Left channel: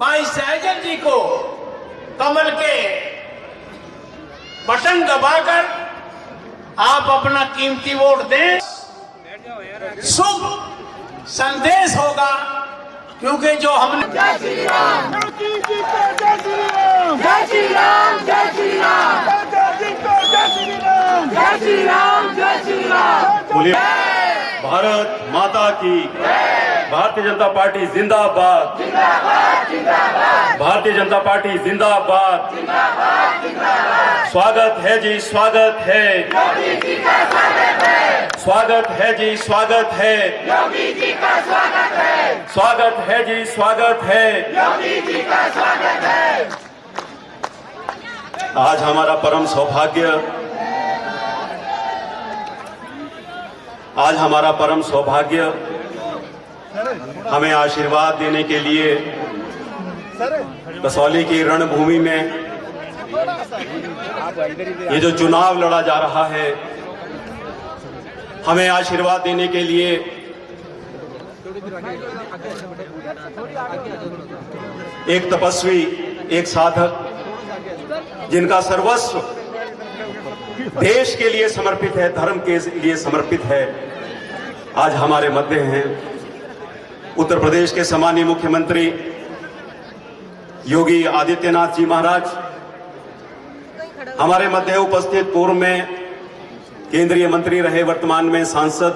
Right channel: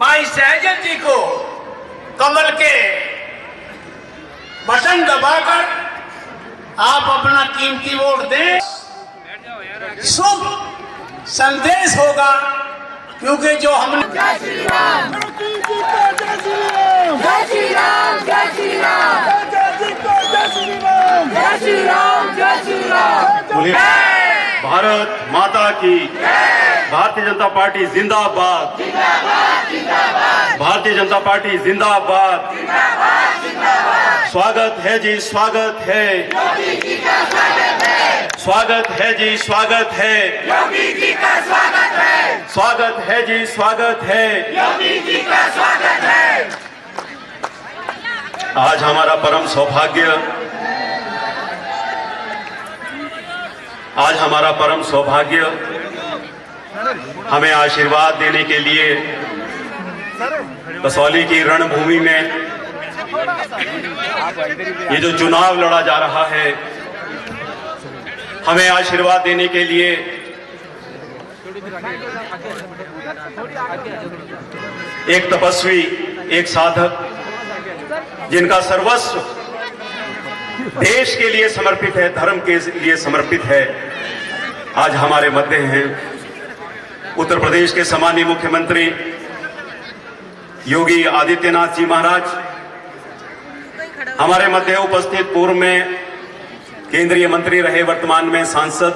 भाई सहजल जी को कमल के बटन दबाकर आप अपना कीमती वोट दें। शुभ संदेश होगा, क्योंकि जो हमने जय श्री राम, जय श्री राम, जय श्री राम, जय श्री राम, जय श्री राम, जय श्री राम। बोलिए भारत माता की, भारतीय जनता पार्टी जिंदाबाद, भारतीय जनता पार्टी जिंदाबाद। स्वागत है जी, स्वागत है, स्वागत है जी, स्वागत है, योगी जी का स्वागत है, स्वागत है जी, स्वागत है। योगी जी का स्वागत है। आज हमारा परम सौभाग्य, आज हमारा परम सौभाग्य हमें आशीर्वाद देने के लिए कसौली की रणभूमि में ये जो चुनाव लड़ा जा रहा है, हमें आशीर्वाद देने के लिए एक तपस्वी, एक साधक, जिनका सर्वस्व देश के लिए समर्पित है, धर्म के लिए समर्पित है, आज हमारे मध्य हैं। उत्तर प्रदेश के सम्मानीय मुख्यमंत्री योगी आदित्यनाथ जी महाराज, हमारे मध्य उपस्थित पूर्व में केंद्रीय मंत्री रहे, वर्तमान में सांसद,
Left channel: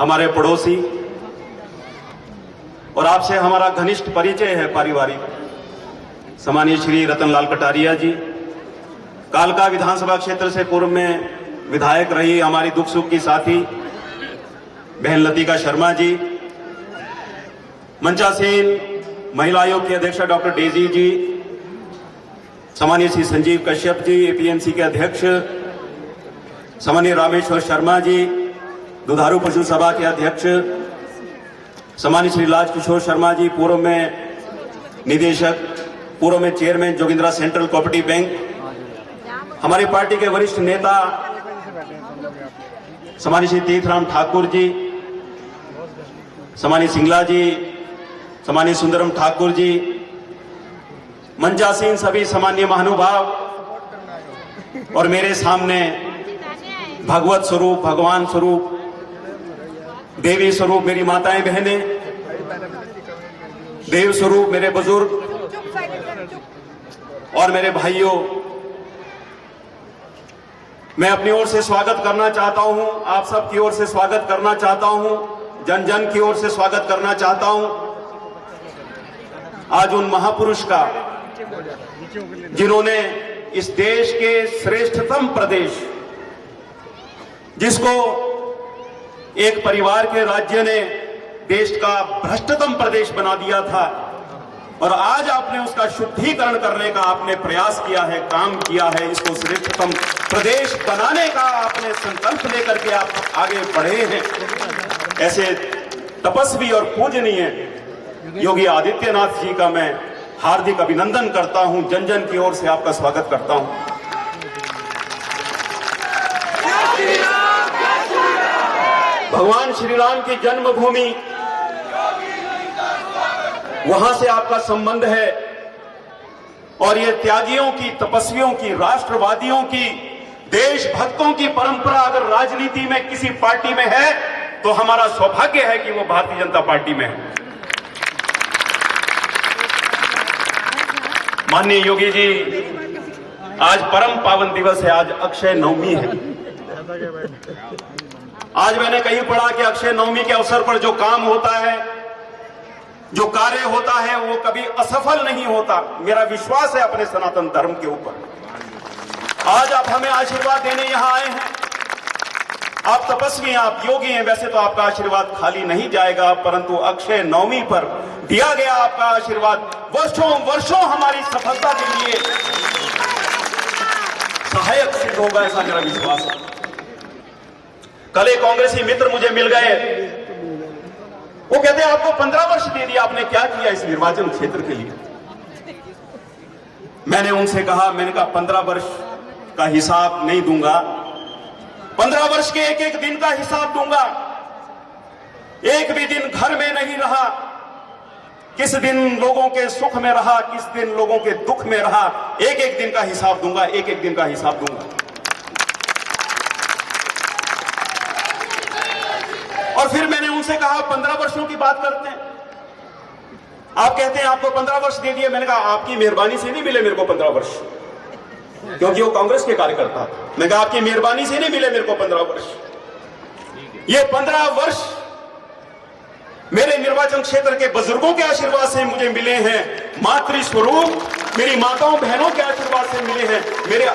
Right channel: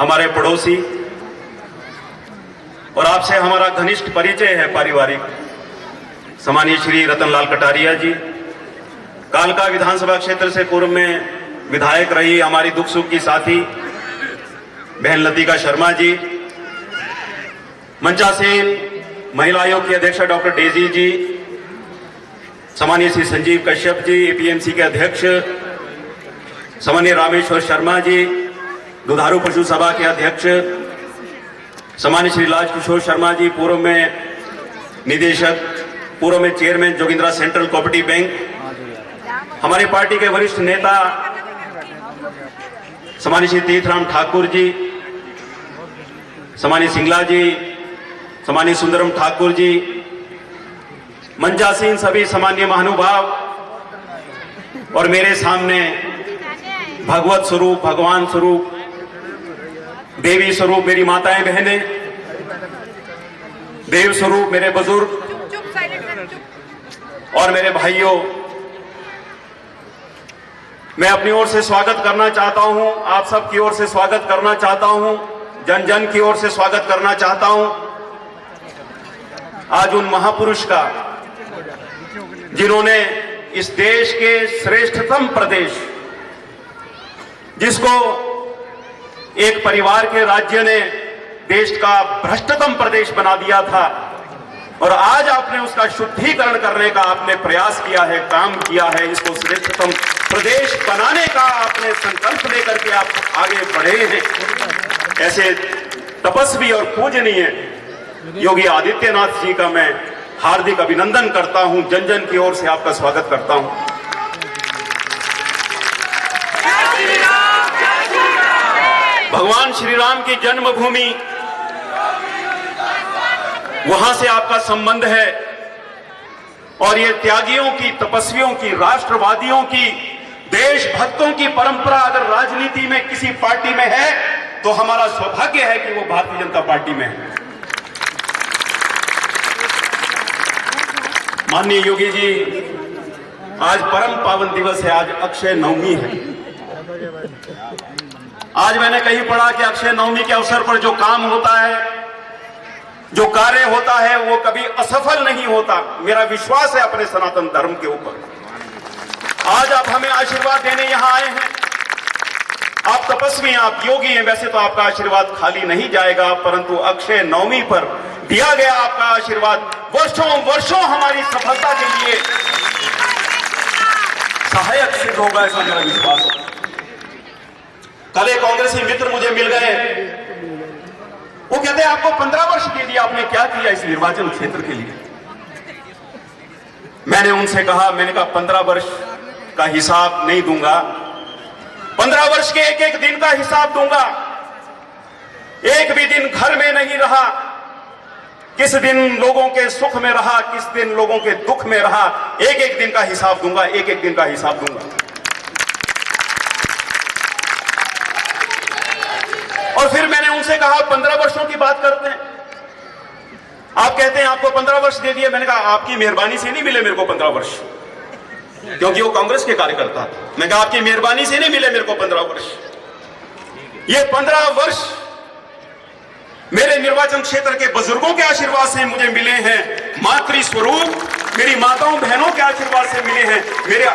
हमारे पड़ोसी, और आपसे हमारा घनिष्ठ परिचय है पारिवारिक, सम्मानीय श्री रतनलाल कटारिया जी, कालका विधानसभा क्षेत्र से पूर्व में विधायक रही हमारी दुख सुख की साथी बहन लतिका शर्मा जी, मंचासीन महिला आयोग की अध्यक्ष डॉक्टर डेजी जी, सम्मानीय श्री संजीव कश्यप जी, एपीएमसी के अध्यक्ष सम्मानीय रामेश्वर शर्मा जी, दुधारू पशु सभा के अध्यक्ष सम्मानीय श्री राजकिशोर शर्मा जी, पूर्व में निदेशक, पूर्व में chairman Jogindra central cooperative bank, हमारी पार्टी के वरिष्ठ नेता सम्मानीय श्री तीर्थराम ठाकुर जी, सम्मानीय सिंगला जी, सम्मानीय सुंदरम ठाकुर जी, मंचासीन सभी सम्मानीय महानुभाव, और मेरे सामने भगवत स्वरूप, भगवान स्वरूप, देवी स्वरूप मेरी माताएं बहनें, देव स्वरूप मेरे बुजुर्ग और मेरे भाइयों, मैं अपनी ओर से स्वागत करना चाहता हूं, आप सब की ओर से स्वागत करना चाहता हूं, जन जन की ओर से स्वागत करना चाहता हूं आज उन महापुरुष का जिन्होंने इस देश के श्रेष्ठतम प्रदेश, जिसको एक परिवार के राज्य ने देश का भ्रष्टतम प्रदेश बना दिया था, और आज आपने उसका शुद्धिकरण करने का आपने प्रयास किया है, काम किया है, इसको श्रेष्ठतम प्रदेश बनाने का आपने संकल्प लेकर के आप आगे बढ़े हैं। ऐसे तपस्वी और पूजनीय योगी आदित्यनाथ जी का मैं हार्दिक अभिनंदन करता हूं, जन जन की ओर से आपका स्वागत करता हूं। भगवान श्री राम की जन्मभूमि, वहां से आपका संबंध है, और ये त्यागियों की, तपस्वियों की, राष्ट्रवादियों की, देशभक्तों की परंपरा अगर राजनीति में किसी पार्टी में है तो हमारा सौभाग्य है कि वो भारतीय जनता पार्टी में है। माननीय योगी जी, आज परम पावन दिवस है, आज अक्षय नवमी है। आज मैंने कहीं पढ़ा कि अक्षय नवमी के अवसर पर जो काम होता है, जो कार्य होता है, वो कभी असफल नहीं होता। मेरा विश्वास है अपने सनातन धर्म के ऊपर। आज आप हमें आशीर्वाद देने यहां आए हैं, आप तपस्वी हैं, आप योगी हैं, वैसे तो आपका आशीर्वाद खाली नहीं जाएगा, परंतु अक्षय नवमी पर दिया गया आपका आशीर्वाद वर्षों वर्षों हमारी सफलता के लिए सहायक सिद्ध होगा, ऐसा मेरा विश्वास है। कल एक कांग्रेसी मित्र मुझे मिल गए, वो कहते हैं आपको 15 वर्ष दे दिया, आपने क्या किया इस निर्वाचन क्षेत्र के लिए? मैंने उनसे कहा, मैंने कहा 15 वर्ष का हिसाब नहीं दूंगा, 15 वर्ष के एक एक दिन का हिसाब दूंगा। एक भी दिन घर में नहीं रहा, किस दिन लोगों के सुख में रहा, किस दिन लोगों के दुख में रहा, एक एक दिन का हिसाब दूंगा, एक एक दिन का हिसाब दूंगा। और फिर मैंने उनसे कहा 15 वर्षों की बात करते हैं। आप कहते हैं आपको 15 वर्ष दे दिए। मैंने कहा आपकी मेहरबानी से नहीं मिले मेरे को 15 वर्ष, क्योंकि वो कांग्रेस के कार्यकर्ता। मैंने कहा आपकी मेहरबानी से नहीं मिले मेरे को 15 वर्ष। ये 15 वर्ष मेरे निर्वाचन क्षेत्र के बुजुर्गों के आशीर्वाद से मुझे मिले हैं, मातृ स्वरूप मेरी माताओं बहनों के आशीर्वाद से मिले हैं, मेरे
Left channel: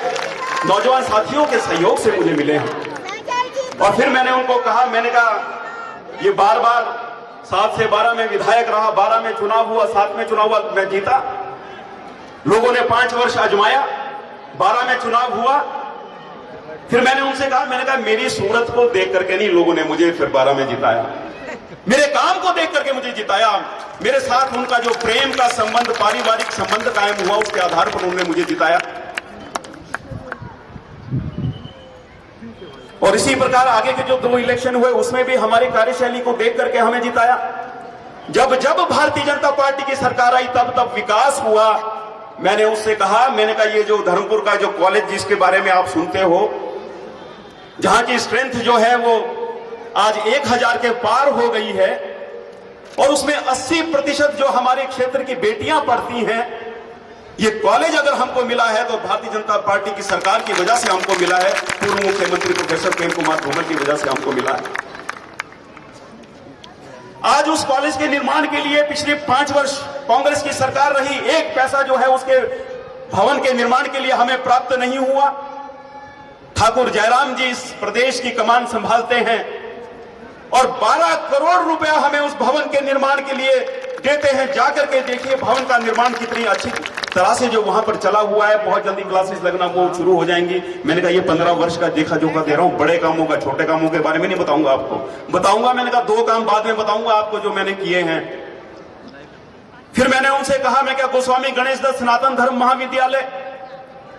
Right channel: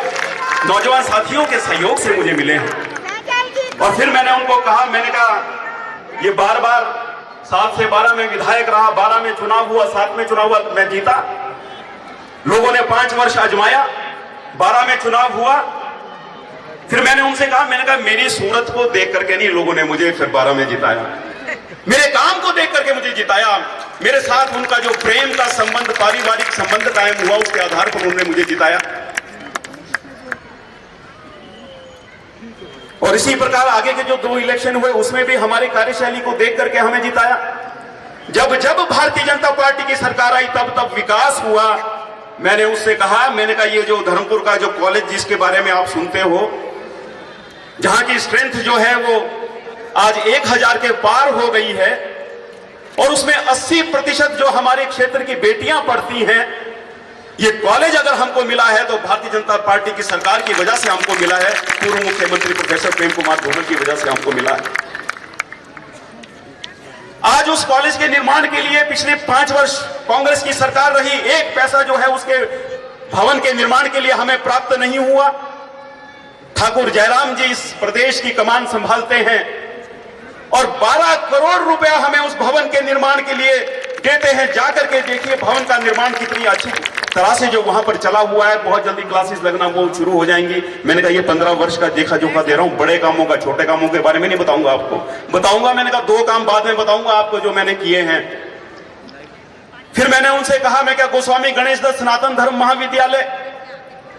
नौजवान साथियों के सहयोग से मुझे मिले हैं। और फिर मैंने उनको कहा, मैंने कहा ये बार बार 7 से 12 में विधायक रहा, 12 में चुनाव हुआ, 7 में चुनाव हुआ, मैं जीता। लोगों ने 5 वर्ष आजमाया, 12 में चुनाव हुआ। फिर मैंने उनसे कहा, मैंने कहा मेरी सूरत को देख करके नहीं लोगों ने मुझे फिर 12 में जिताया, मेरे काम को देख करके मुझे जिताया। मेरे साथ उनका जो प्रेम का संबंध, पारिवारिक संबंध कायम हुआ, उसके आधार पर उन्होंने मुझे जिताया। और इसी प्रकार आगे के जो 2 इलेक्शन हुए उसमें भी हमारी कार्यशैली को देख करके हमें जिताया। जब जब भारतीय जनता पार्टी की सरकार आई तब तब विकास हुआ। मैंने उससे कहा, मैंने कहा ये जो धर्मपुर का जो कॉलेज जिसके बारे में आप सुनते हो, जहां की स्ट्रेंथ जो है वो आज 1000 के पार हो गई है, और उसमें 80% जो हमारे क्षेत्र की बेटियां पढ़ती हैं, ये कॉलेज अगर हमको मिला है तो भारतीय जनता पार्टी की सरकार की वजह से हमको मिला है, पूर्व मुख्यमंत्री प्रोफेसर प्रेम कुमार धूमल की वजह से हमको मिला है। आज उस कॉलेज के निर्माण के लिए पिछले 5 वर्ष कांग्रेस की सरकार रही, एक पैसा जो है उसके भवन के निर्माण के लिए हमें प्राप्त नहीं हुआ। ठाकुर जयराम जी इस प्रदेश की कमान संभालते हैं और 12 करोड़ रुपए हमें उस भवन के निर्माण के लिए देते हैं। जाकर के देखिए भवन का निर्माण कितनी अच्छी तरह से जो वहां पर चला हुआ है। बहुत जल्दी क्लासेस लगना वो शुरू हो जाएंगी। मैंने कहा ये 15 वर्ष का देखा जोखा दे रहा हूं, बड़े कामों का, छोटे कामों के बारे में नहीं बताऊंगा आपको, बताऊंगा मैंने कहा 2 काम बाद में बताऊंगा आपको जो मैंने किए हैं। फिर मैंने उनसे कहा, मैं क्या गोस्वामी गणेश दत्त सनातन धर्म महाविद्यालय,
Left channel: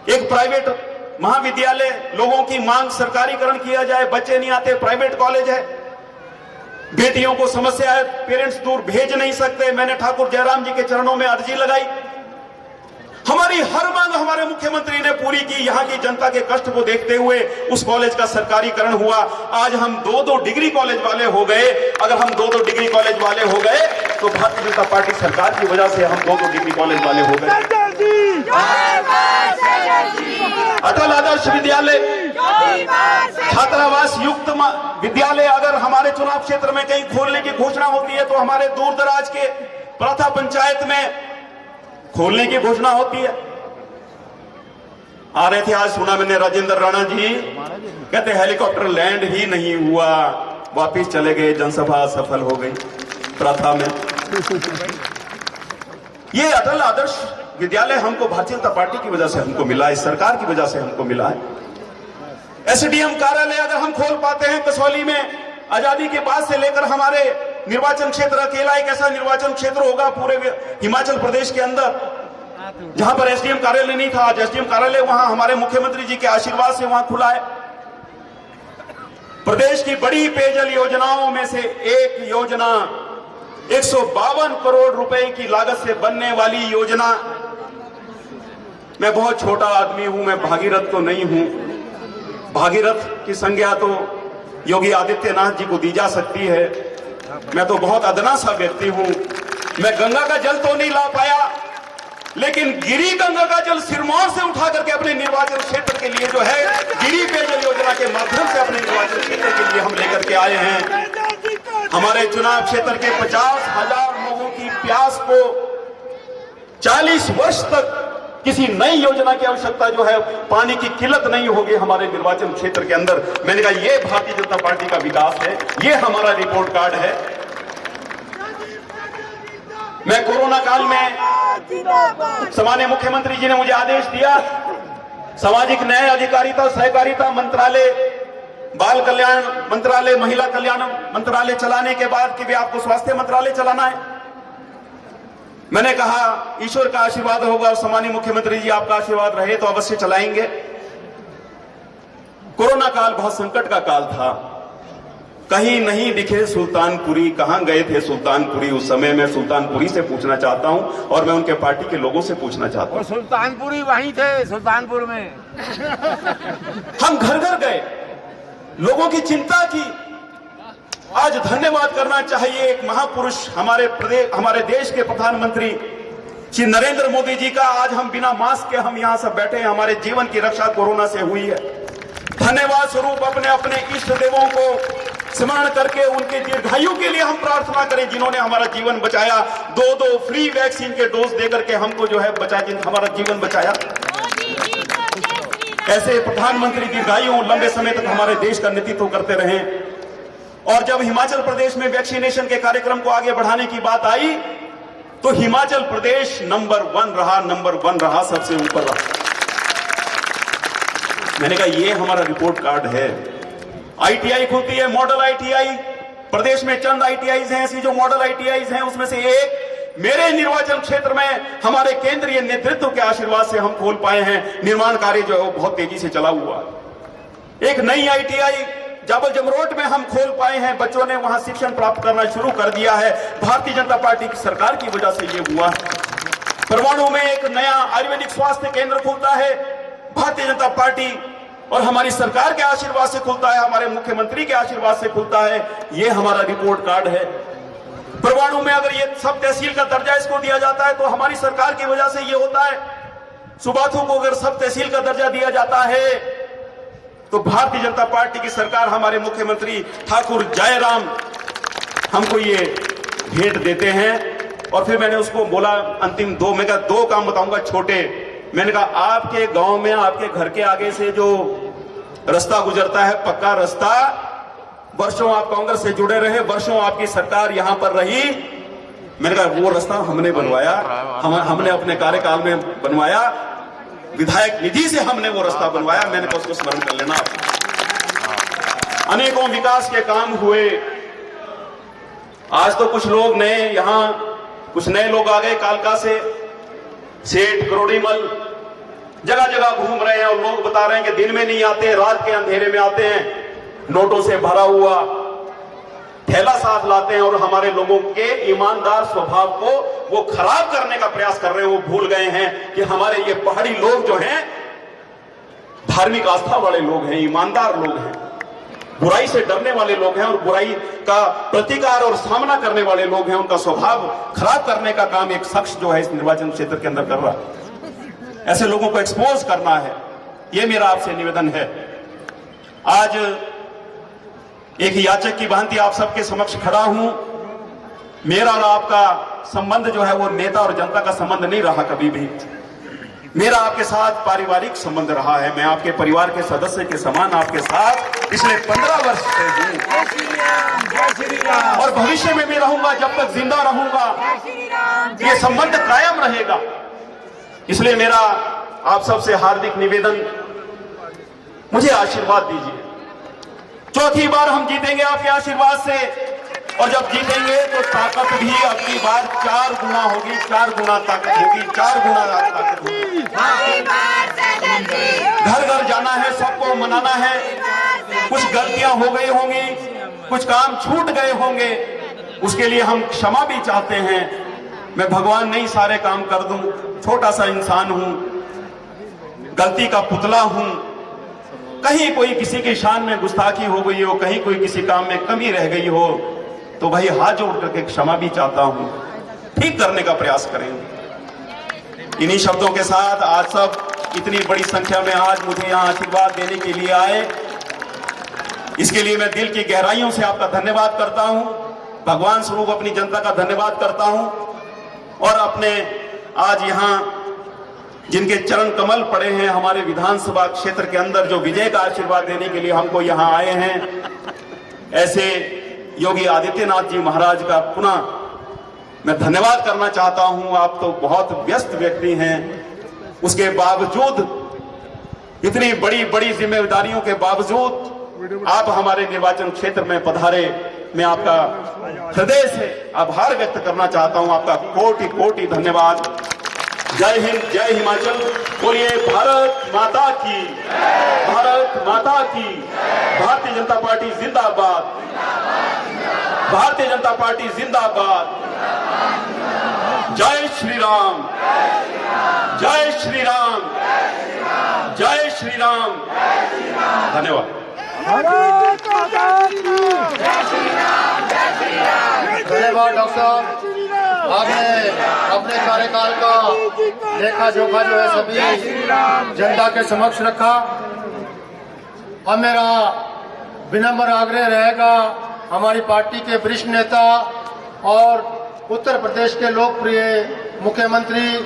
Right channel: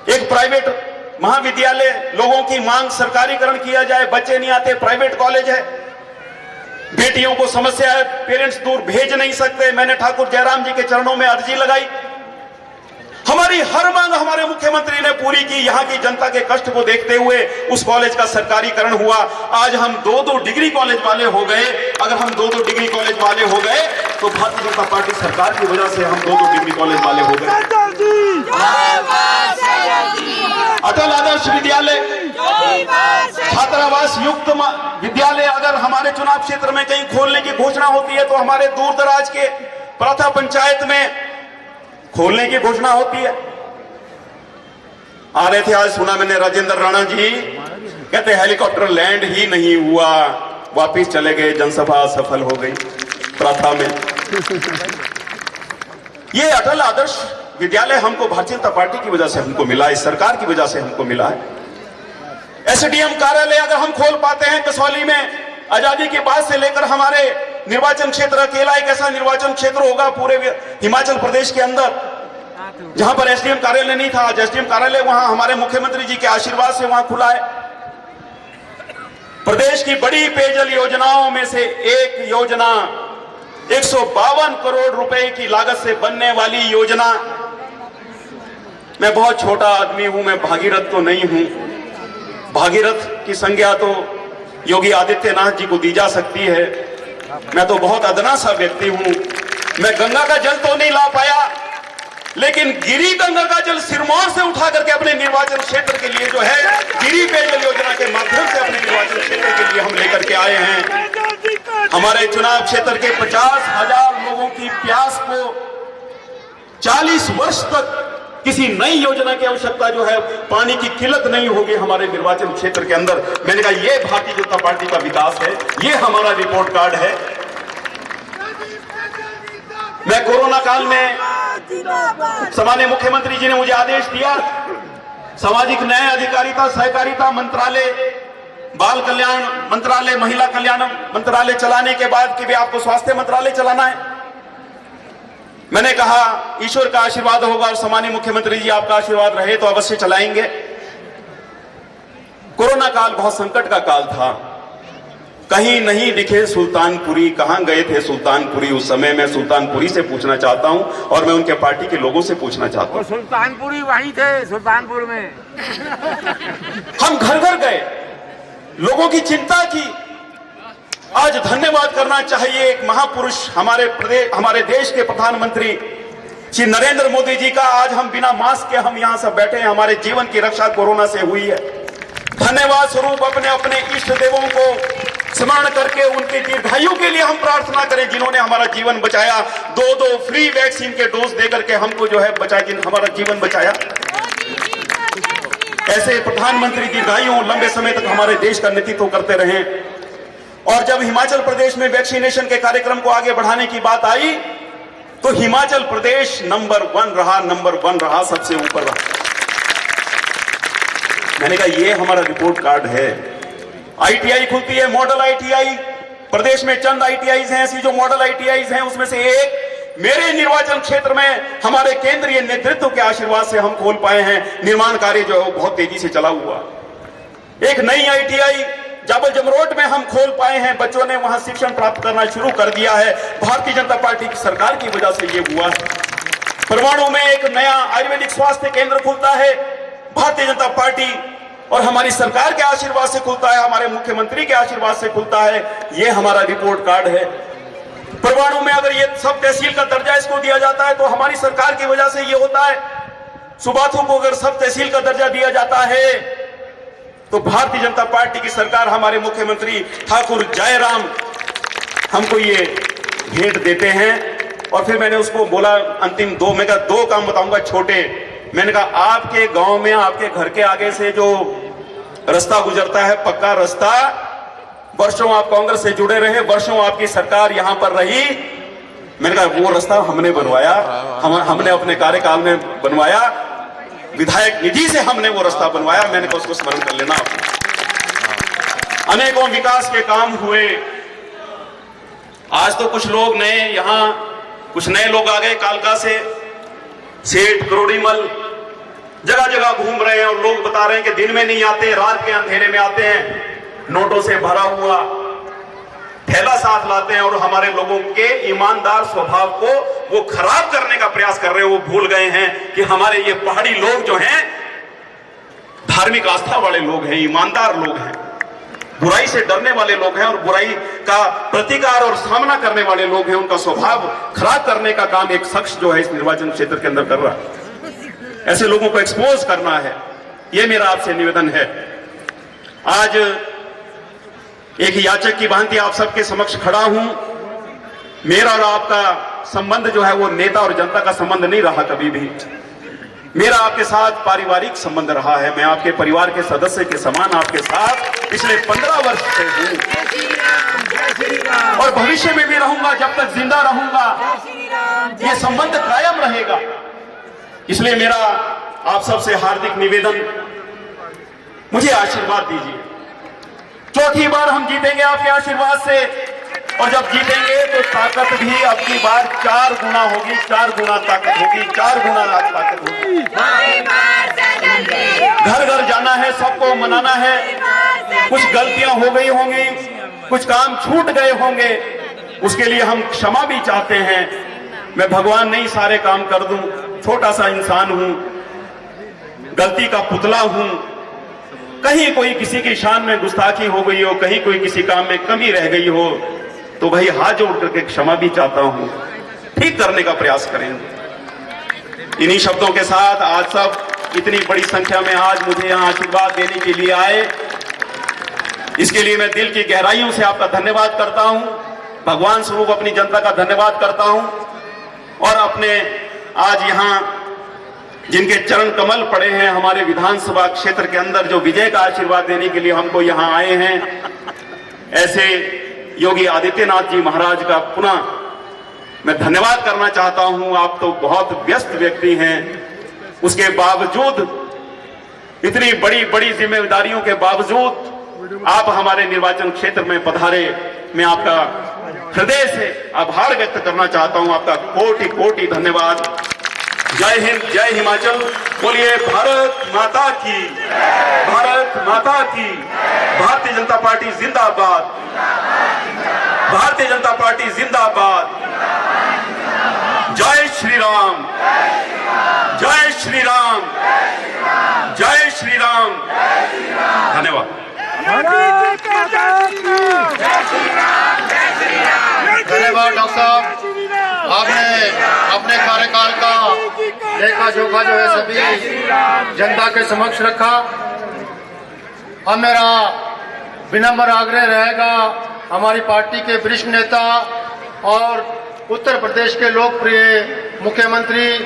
एक प्राइवेट महाविद्यालय, लोगों की मांग सरकारीकरण किया जाए, बच्चे नहीं आते, प्राइवेट कॉलेज है, बेटियों को समस्या है, पेरेंट्स दूर भेज नहीं सकते। मैंने ठाकुर जयराम जी के चरणों में अर्जी लगाई। हमारी हर मांग हमारे मुख्यमंत्री ने पूरी की। यहां की जनता के कष्ट को देखते हुए उस कॉलेज का सरकारीकरण हुआ। आज हम 2-2 डिग्री कॉलेज वाले हो गए। अगर हम 2-2 डिग्री कॉलेज वाले हो गए तो भारतीय जनता पार्टी सरकार की वजह से हम 2-2 डिग्री कॉलेज वाले हो गए। अटल आदर्श विद्यालय, छात्रावास युक्त विद्यालय अगर हमारे चुनाव क्षेत्र में कहीं खोलने की घोषणा होती है तो हमारे दूर दराज के प्रथा पंचायत में खोलने की घोषणा होती है। आ रहे थे आज, सुना मैंने राजेंद्र राणा जी कहते हेलीकॉप्टर लैंड ही नहीं हुआ, वापिस चले गए, जनसभा सफल हो गई प्रथा में। ये अटल आदर्श विद्यालय हमको भारतीय जनता पार्टी की वजह से हमको मिला, इस सरकार की वजह से हमको मिला है। एसडीएम कार्यालय अगर हम खोल पाते हैं कसौली में, आजादी के बाद से लेकर हमारे निर्वाचन क्षेत्र अकेला एक ऐसा निर्वाचन क्षेत्र होगा पूरे हिमाचल प्रदेश के अंदर जहां पर एसडीएम कार्यालय नहीं था। आज एसडीएम कार्यालय वहां हमारे मुख्यमंत्री जी के आशीर्वाद से वहां खुला है। प्रदेश की बड़ी पेयजल योजनाओं में से एक योजना 152 करोड़ रुपए की लागत से बनने वाली योजना। मैं बहुत छोटा आदमी हूं, मैं भागीरथ तो नहीं हूं। भागीरथ की संज्ञा तो योगी आदित्यनाथ जी को दी जा सकती है। मैं तो बहुत अदना सा व्यक्ति हूं। मैं गंगा का जल तो नहीं ला पाया, लेकिन गिरी गंगा का जल सिरमौर से उठा करके अपने निर्वाचन क्षेत्र के लिए जो है गिरी पेयजल योजना के माध्यम से अपने निर्वाचन क्षेत्र के लिए हम लेकर के आए हैं। हमारे चुनाव क्षेत्र के 50,000 लोगों की प्यास को 40 वर्ष तक किसी नई योजना की आवश्यकता जो है, पानी की किल्लत नहीं होगी हमारे निर्वाचन क्षेत्र के अंदर। मैंने कहा ये भारतीय जनता पार्टी का विकास है, ये हमारा रिपोर्ट कार्ड है। मैं कोरोना काल में सम्माननीय मुख्यमंत्री जी ने मुझे आदेश दिया, सामाजिक न्याय अधिकारिता सहकारिता मंत्रालय, बाल कल्याण मंत्रालय, महिला कल्याण मंत्रालय चलाने के बाद कि भी आपको स्वास्थ्य मंत्रालय चलाना है। मैंने कहा ईश्वर का आशीर्वाद होगा और सम्मानीय मुख्यमंत्री जी आपका आशीर्वाद रहे तो अवश्य चलाएंगे। कोरोना काल बहुत संकट का काल था। कहीं नहीं दिखे सुल्तानपुरी, कहां गए थे सुल्तानपुरी उस समय? मैं सुल्तानपुरी से पूछना चाहता हूं और मैं उनके पार्टी के लोगों से पूछना चाहता हूं। और सुल्तानपुरी वहीं थे, सुल्तानपुर में। हम घर घर गए, लोगों की चिंता की। आज धन्यवाद करना चाहिए एक महापुरुष हमारे देश के प्रधानमंत्री श्री नरेंद्र मोदी जी का। आज हम बिना मास्क के हम यहां सब बैठे हैं, हमारे जीवन की रक्षा कोरोना से हुई है। धन्यवाद स्वरूप अपने अपने इष्ट देवों को स्मरण करके उनके दीर्घायु के लिए हम प्रार्थना करें, जिन्होंने हमारा जीवन बचाया। 2 फ्री वैक्सीन के डोज देकर के हमको जो है हमारा जीवन बचाया। ऐसे प्रधानमंत्री दीर्घायु लंबे समय तक हमारे देश का नेतृत्व करते रहे। और जब हिमाचल प्रदेश में वैक्सीनेशन के कार्यक्रम को आगे बढ़ाने की बात आई तो हिमाचल प्रदेश नंबर 1 रहा, सबसे ऊपर रहा। मैंने कहा ये हमारा रिपोर्ट कार्ड है। आईटीआई खुलती है, मॉडल आईटीआई। प्रदेश में चंद आईटीआईज हैं ऐसी जो मॉडल आईटीआईज हैं, उसमें से एक मेरे निर्वाचन क्षेत्र में हमारे केंद्रीय नेतृत्व के आशीर्वाद से हम खोल पाए हैं। निर्माण कार्य जो है वो बहुत तेजी से चला हुआ। एक नई आईटीआई जाबल जमरोट में हम खोल पाए हैं, बच्चों ने वहां शिक्षण प्राप्त करना शुरू कर दिया है। भारतीय जनता पार्टी की सरकार की वजह से ये हुआ। परवाणु में एक नया आयुर्वेदिक स्वास्थ्य केंद्र खुलता है, भारतीय जनता पार्टी और हमारी सरकार के आशीर्वाद से खुलता है, हमारे मुख्यमंत्री के आशीर्वाद से खुलता है। ये हमारा रिपोर्ट कार्ड है। परवाणु में अगर ये सब तहसील का दर्जा इसको दिया जाता है तो हमारी सरकार की वजह से ये होता है। सुबाथू को अगर सब तहसील का दर्जा दिया जाता है तो भारतीय जनता पार्टी की सरकार, हमारे मुख्यमंत्री ठाकुर जयराम हमको ये भेंट देते हैं। और फिर मैंने उसको बोला अंतिम 2, मैं कहा 2 काम बताऊंगा छोटे। मैंने कहा आपके गांव में आपके घर के आगे से जो रास्ता गुजरता है, पक्का रास्ता, वर्षों आप कांग्रेस से जुड़े रहे, वर्षों आपकी सरकार यहां पर रही। मैंने कहा वो रास्ता हमने बनवाया, हमने अपने कार्यकाल में बनवाया, विधायक निधि से हमने वो रास्ता बनवाया। मैंने कहा उसको स्मरण कर लेना आप। अनेकों विकास के काम हुए। आज तो कुछ लोग नए यहां कुछ नए लोग आ गए कालका से, सेठ करोड़ीमल जगह जगह घूम रहे हैं और लोग बता रहे हैं कि दिन में नहीं आते, रात के अंधेरे में आते हैं, नोटों से भरा हुआ थैला साथ लाते हैं और हमारे लोगों के ईमानदार स्वभाव को वो खराब करने का प्रयास कर रहे हैं। वो भूल गए हैं कि हमारे ये पहाड़ी लोग जो हैं धार्मिक आस्था वाले लोग हैं, ईमानदार लोग हैं, बुराई से डरने वाले लोग हैं और बुराई का प्रतिकार और सामना करने वाले लोग हैं। उनका स्वभाव खराब करने का काम एक शख्स जो है इस निर्वाचन क्षेत्र के अंदर कर रहा है। ऐसे लोगों को एक्सपोज करना है, यह मेरा आपसे निवेदन है। आज एक याचक की भांति आप सबके समक्ष खड़ा हूं। मेरा और आपका संबंध जो है वो नेता और जनता का संबंध नहीं रहा कभी भी। मेरा आपके साथ पारिवारिक संबंध रहा है। मैं आपके परिवार के सदस्य के समान आपके साथ पिछले 15 वर्ष से हूं और भविष्य में भी रहूंगा। जब तक जिंदा रहूंगा ये संबंध कायम रहेगा। इसलिए मेरा आप सबसे हार्दिक निवेदन, मुझे आशीर्वाद दीजिए। चौथी बार हम जीतेंगे आपके आशीर्वाद से और जब जीतेंगे तो ताकत भी अपनी बार 4 गुना होगी, 4 गुना ताकत होगी, 4 गुना ताकत होगी। घर घर जाना है, सबको मनाना है। कुछ गलतियां हो गई होंगी, कुछ काम छूट गए होंगे, उसके लिए हम क्षमा भी चाहते हैं। मैं भगवान नहीं सारे काम कर दूं, छोटा सा इंसान हूं, गलती का पुतला हूं। कहीं कोई किसी की शान में गुस्ताखी हो गई हो, कहीं कोई किसी काम में कमी रह गई हो तो भाई हाथ जोड़ करके क्षमा भी चाहता हूं, ठीक करने का प्रयास करेंगे। इन्हीं शब्दों के साथ आज सब इतनी बड़ी संख्या में आज मुझे यहां आशीर्वाद देने के लिए आए, इसके लिए मैं दिल की गहराइयों से आपका धन्यवाद करता हूं। भगवान स्वरूप अपनी जनता का धन्यवाद करता हूं और अपने आज यहां जिनके चरण कमल पड़े हैं हमारे विधानसभा क्षेत्र के अंदर, जो विजय का आशीर्वाद देने के लिए हमको यहां आए हैं, ऐसे योगी आदित्यनाथ जी महाराज का पुनः मैं धन्यवाद करना चाहता हूं। आप तो बहुत व्यस्त व्यक्ति हैं, उसके बावजूद, इतनी बड़ी बड़ी जिम्मेदारियों के बावजूद आप हमारे निर्वाचन क्षेत्र में पधारे। मैं आपका हृदय से आभार व्यक्त करना चाहता हूं। आपका कोटि कोटि धन्यवाद। जय हिंद, जय हिमाचल। बोलिए भारत माता की, भारत माता की। भारतीय जनता पार्टी जिंदाबाद, भारतीय जनता पार्टी जिंदाबाद। जय श्री राम, जय श्री राम, जय श्री राम। धन्यवाद। भारत माता की धन्यवाद डॉक्टर साहब, आपने अपने कार्यकाल का लेखा जोखा जो है सभी जनता के समक्ष रखा। अब मेरा विनम्र आग्रह रहेगा हमारी पार्टी के वरिष्ठ नेता और उत्तर प्रदेश के लोकप्रिय मुख्यमंत्री